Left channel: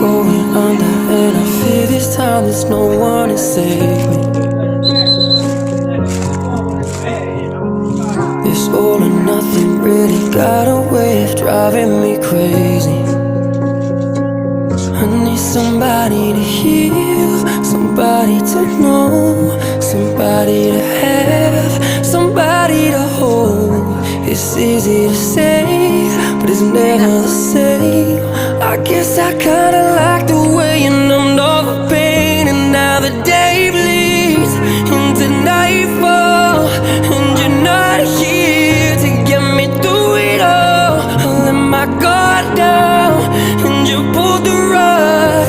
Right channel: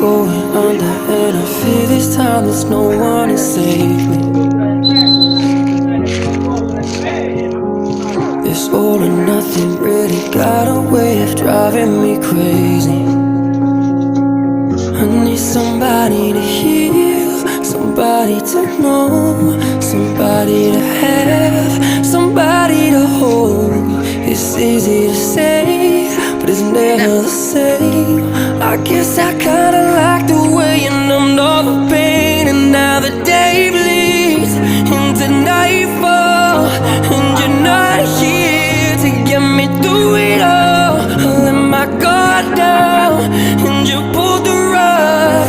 going under, and I fear this time there's no one to save me. This all or nothing really got a way of driving me crazy. I need somebody to heal, somebody to know, somebody to have, somebody to hold. It's easy to say, but it's never the same. I guess I kinda like the way you numbed all the pain, and now the day bleeds into nightfall, and you're not here to get me through it all. I let my guard down, and you pulled the rug.